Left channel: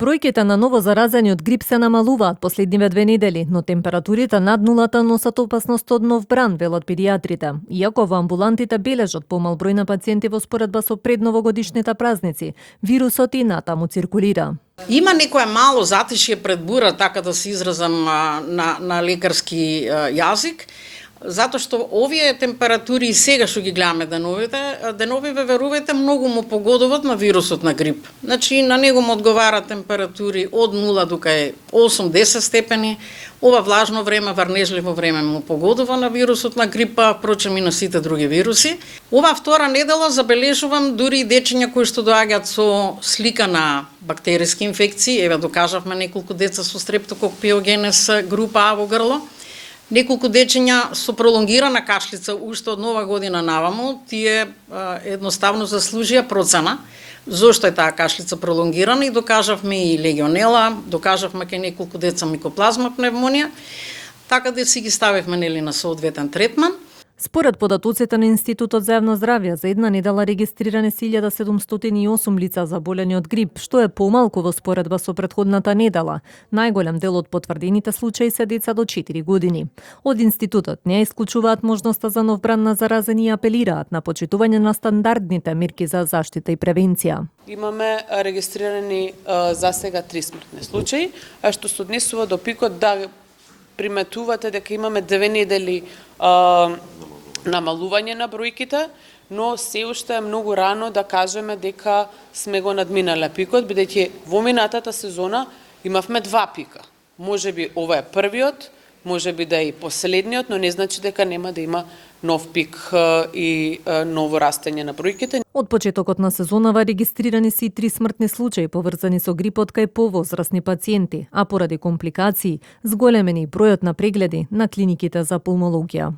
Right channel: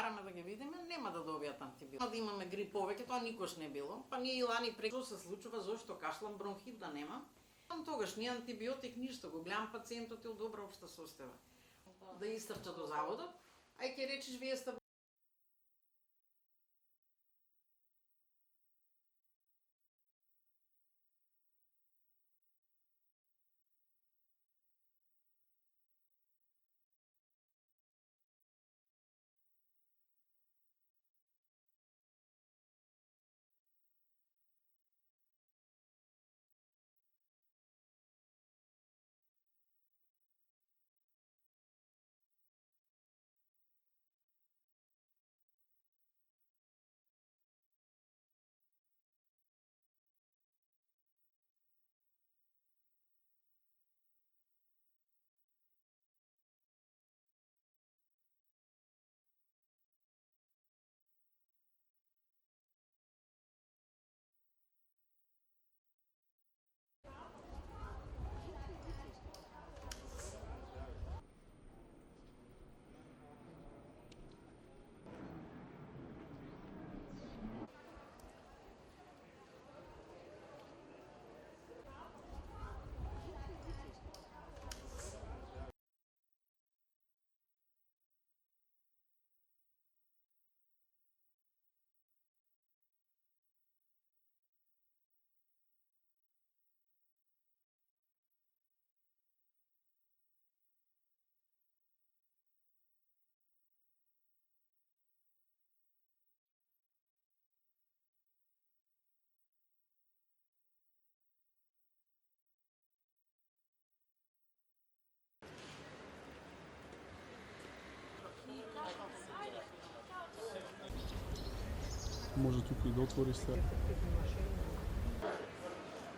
Бројките на ново заразени од грип се намалуваат последниве 2 недели, но температурите над нулата носат опасност од нов бран, велат педиатрите. Иако во амбулантите бележат помал број на пациенти во споредба со предновогодишните празници, вирусот и натаму циркулира. Има некое мало затишје пред бура, така да се изразам на лекарски јазик, затоа што овие температури и сега што ги гледаме деновиве, верувајте, многу му погодуват на вирусот на грип. Значи, на него му одговара температури од 0 до кај 8-10 степени. Ова влажно време, врнежливо време му погодува на вирусот на грипа, впрочем и на сите други вируси. Ова втора недела забележувам дури и дечиња кои што доаѓаат со слика на бактериски инфекции. Еве, докажавме неколку деца со стрептокок пиогенез група А во грло. Неколку дечиња со пролонгирана кашлица уште од нова година наваму, тие едноставно заслужија процена зошто е таа кашлица пролонгирана и докажавме и легионела, докажавме кај неколку деца микоплазма пневмонија, така да си ги ставивме на соодветен третман. Според податоците на Институтот за јавно здравје, за една недела регистрирани 1708 лица заболени од грип, што е помалку во споредба со претходната недела. Најголем дел од потврдените случаи се деца до 4 години. Од Институтот не исклучуваат можноста за нов бран на заразени и апелираат на почитување на стандардните мерки за заштита и превенција. Имаме регистрирани за сега 3 смртни случаи, а што се однесува до пикот да приметувате дека имаме 2 недели намалување на бројките, но се уште е многу рано да кажеме дека сме го надминале пикот, бидејќи во минатата сезона имавме 2 пика. Можеби ова е првиот, можеби да е и последниот, но не значи дека нема да има нов пик и ново растење на бројките. Од почетокот на сезонава регистрирани се и 3 смртни случаи поврзани со грипот кај повозрасни пациенти, а поради компликации зголемени бројот на прегледи на клиниките за пулмологија.